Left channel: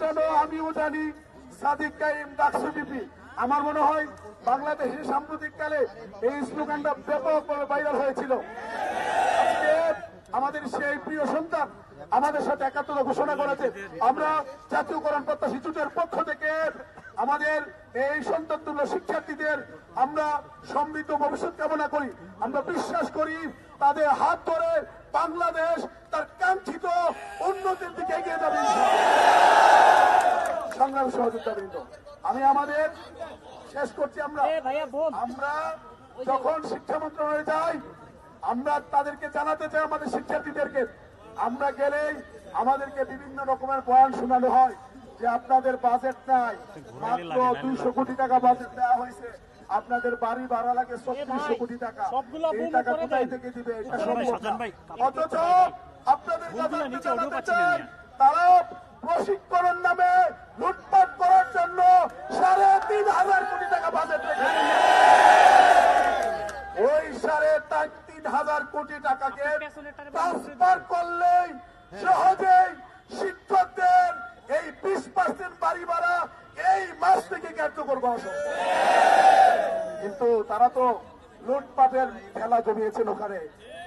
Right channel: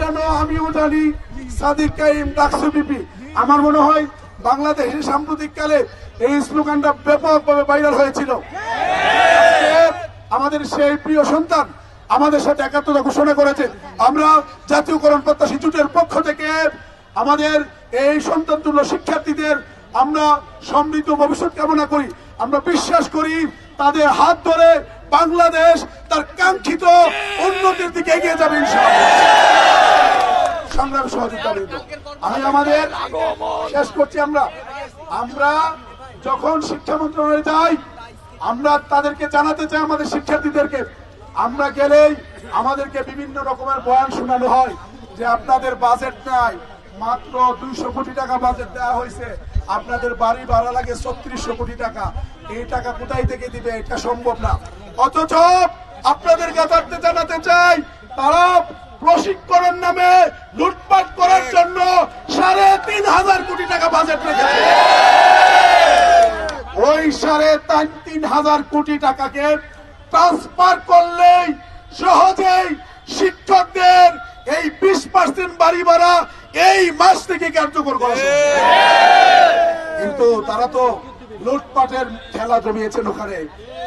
জানো আমিও জানি সাদিক কাইম ডাকসু বিপি। আমার মনে হয় বাংলাদেশের সাম্প্রতিককালে এই স্লোগানটা ব্যাপকভাবে ভাইরাল হয়েছিল। আমাদের সেই প্রিয় সন্তান আমাদের সাথে একাত্মতা ঘোষণা করেছে। আমরা জাতীয়করণ প্রত্যাশী জোটের পক্ষ থেকে আমাদের এই সন্তানতুল্য শিক্ষার্থীদের আমরা সমৃদ্ধ ভবিষ্যৎ কামনা করি। আমরা বিশ্বাস করি তাদের হাত ধরে বাংলাদেশ তার কাঙ্ক্ষিত উন্নতির দিকে এগিয়ে যাবে ইনশাআল্লাহ। সংগ্রামী সহযোগিতাবৃন্দ, আমি আমাদের শেষ করছি। আমরা যখন শিক্ষা মন্ত্রণালয়ে যাই আমরা তাদেরকে জানাতে চাই, আমাদের শিক্ষার্থীদেরকে, আমরা গেলেই আমাদেরকে বিভিন্ন রকমের বয়ান শোনানো হয় যে আপনাদের বাজেট নাই, মাত্র 200 কোটি টাকা বাজেট দেওয়া হয়েছে, আপনাদের বাড়ি ভাড়া লাগে 3600 কোটি টাকা, এই টাকা কোথায় থেকে দিবে, এটা সম্ভব না। অথচ আপনাদের কাছে জানাতে চাই তারা প্রশিক্ষণের নামে লুটপাট করার জন্য 3500 কোটি টাকা বাজেট রেখেছে। ওই 3500 কোটি টাকাকে ট্রান্সফার করলেই সহজেই শিক্ষকদের এই 20% বাড়ি ভাড়া এই মাস থেকে কার্যকর করা সম্ভব। কিন্তু তারা তো লুটপাটের খেলা জমিয়েছেন ওখানে।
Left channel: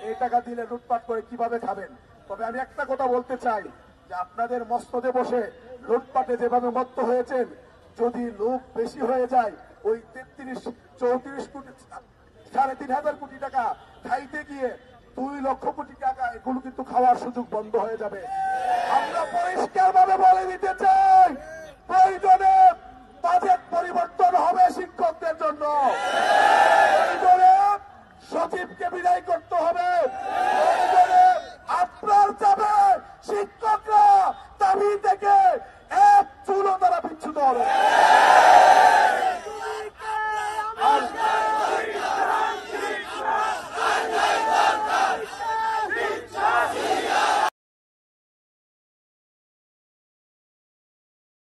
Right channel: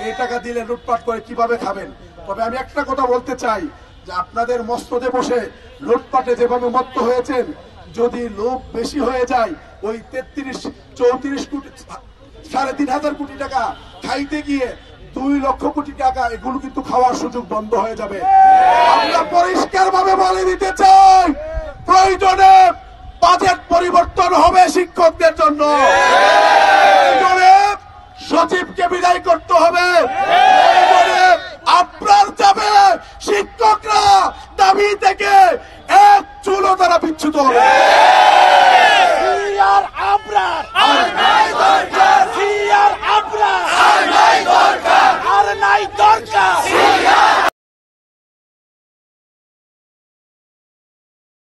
এই টাকা দিলে লুটপাট করে কিভাবে খাবেন? তবে আমি একটা কথা বলতে চাই যে আপনাদের মস্তদে বসে লুটপাটে যেভাবে মত্ত হয়েছেন, যদি লোভ বেশি হয়ে যায় ওই 33-34 কোটি 3500 কোটি টাকা খাইতে গিয়ে 2 লক্ষ কোটি টাকা এগুলো কিন্তু খাওয়ার সুযোগ বন্ধ হয়ে যাবে। আমরা পরিষ্কার ভাবে বলে দিতে চাই প্রয়োজনে বাজেট পরিবর্তন হবে শিক্ষকদের জন্য, প্রয়োজনে সচিবকে বিদায় করতে হবে, প্রয়োজনে আপনার যাবে শিক্ষকরা দাবি থেকে এক চুলও তারা বিচ্যুত হবে।